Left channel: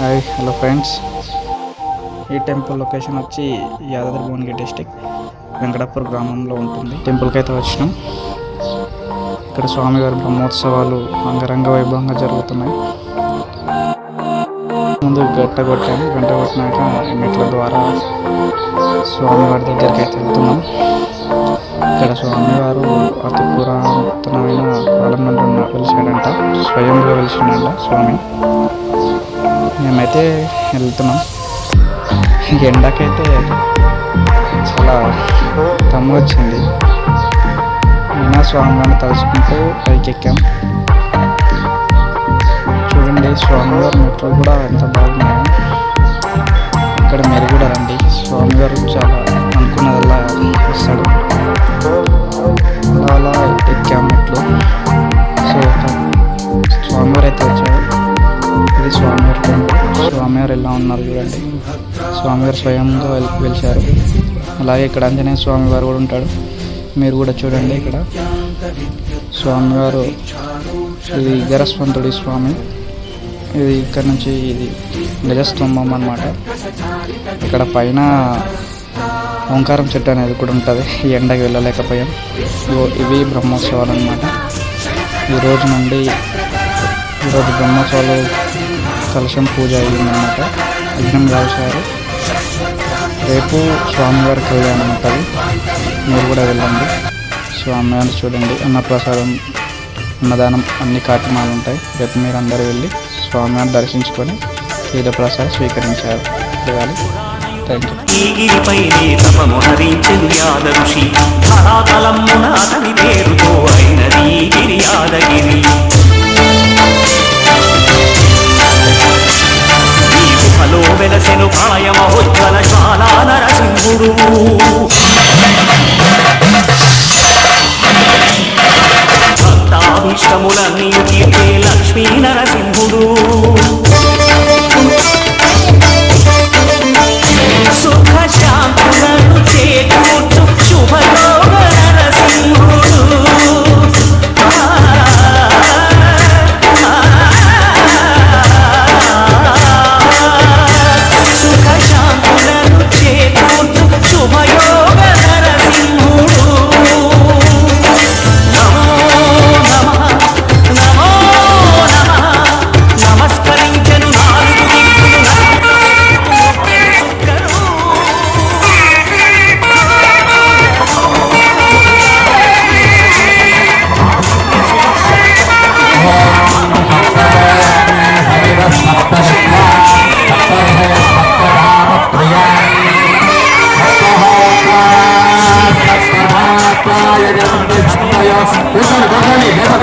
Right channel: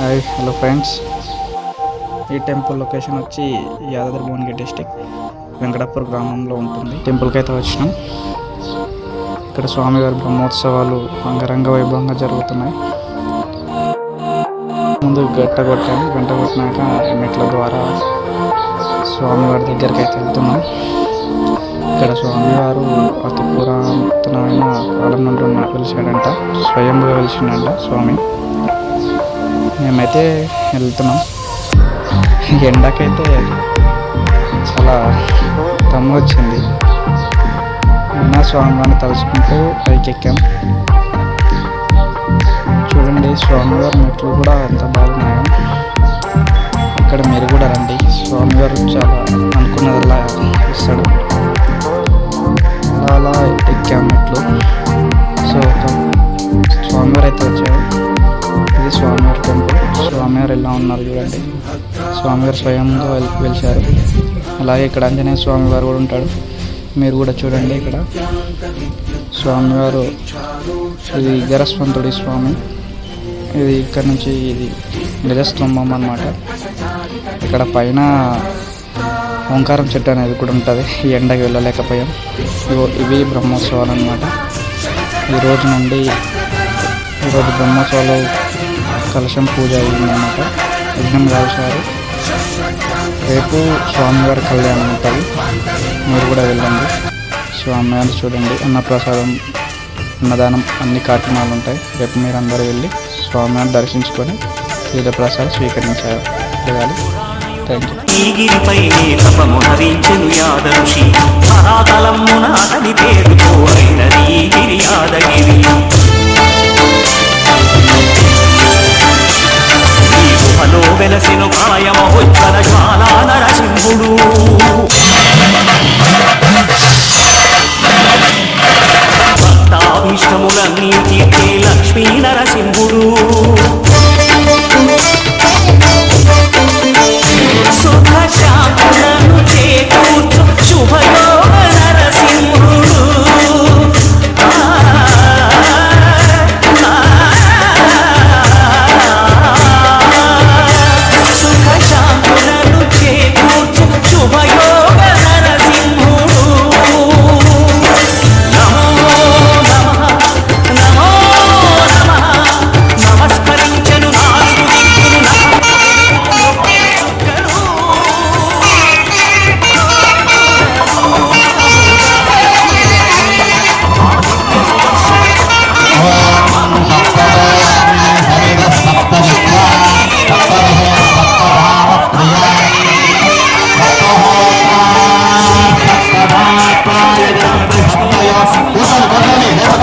Hi hello friends ఈ temple location వచ్చి Yadadri Bhuvanagiri district Venkatapur గ్రామంలో ఉంటుంది. టెంపుల్కి అయితే వచ్చినాం. ఇక్కడ స్వామివారి బ్రహ్మోత్సవాలు అంగరంగ వైభవంగా జరుగుతున్నాయి. ముందు గంట కొట్టాము. గంట కొట్టినాక మెట్ల ద్వారా స్వామివారి దగ్గరికి అయితే వెళ్తున్నాం. ఇక్కడ స్వామివారు అతి పురాతనమైన కాలం నుండి ఉన్న వెలిసాడంట స్వయంగా వెలిసిండంట స్వామి. మేమైతే వెళ్తున్నాం. ఎండకైతే చాలా తమ్ము వచ్చింది అయినా స్వామివారిని తలుచుకుంటూ పైకి ఎక్కాం చూడండి స్వామివారి మెట్లు కూడా ఎంత బాగున్నాయో. ఇక్కడ మీరు కూడా రండి. స్వామివారు చాలా స్వామివారు ఎలా ఉన్నారు చూడండి. స్వామివారు స్వయంగా వెల్ వెలిచారు అలాగే ఇక్కడ ఆంజనేయ స్వామివారు కూడా ఉంటాడు మీరు కూడా చూడండి ఇక్కడ. స్వామివారు ఇది గరస్వంతుడి స్వామి. ఇది ఇక్కడ నుంచి ఇది గజస్తంభం అన్నమాట. ఇక్కడ పైన ఓంకారం చెట్టు అనేది కూడా ఉంటుంది. ఈ ఎండకి వెళ్ళలేకపోయాం. ఇవి బ్రహ్మోత్సవాలు అనమాట ఈ రోజు నుండి ఈరోజు బ్రహ్మోత్సవాలు కలశం పూజ అయ్యిందన్నమాట యజ్ఞం కాల్చారు రేపు స్వామివారి కళ్యాణం ఉంటుంది. మీరు కూడా వెళ్ళండి. స్వామివారిని చూడండి. అన్నప్రసాదం అన్నదానం అన్ని కార్యక్రమాలు ఉంటాయి. రేపు మీరు అందరూ వెళ్ళి స్వామివారిని దర్శించుకొని తీర్థప్రసాదం స్వీకరించారు. వెళ్ళాలి. థ్యాంక్ యూ ఈ గిరిపైనే తపమునరించెను యాద ఋషి. ధరాతలమ్మున అతని పేరుతో అయినది గిరి యాదగిరి. ఈ గుహలో వెలసెను ప్రళయ మహోజ్వల జ్వాలా నరసింహుడు. భక్తాభీష్టములన్నీ తీర్చే లక్ష్మీ నరసింహుడు. సుఖ శాంతులను చేకూర్చు శుభయోగ శుభయోగ నరసింహుడు నమో నమ నమో నమ. నమస్కరించను నాలుగు దిక్కులు నఖముల లక్ష్మీ నరసింహ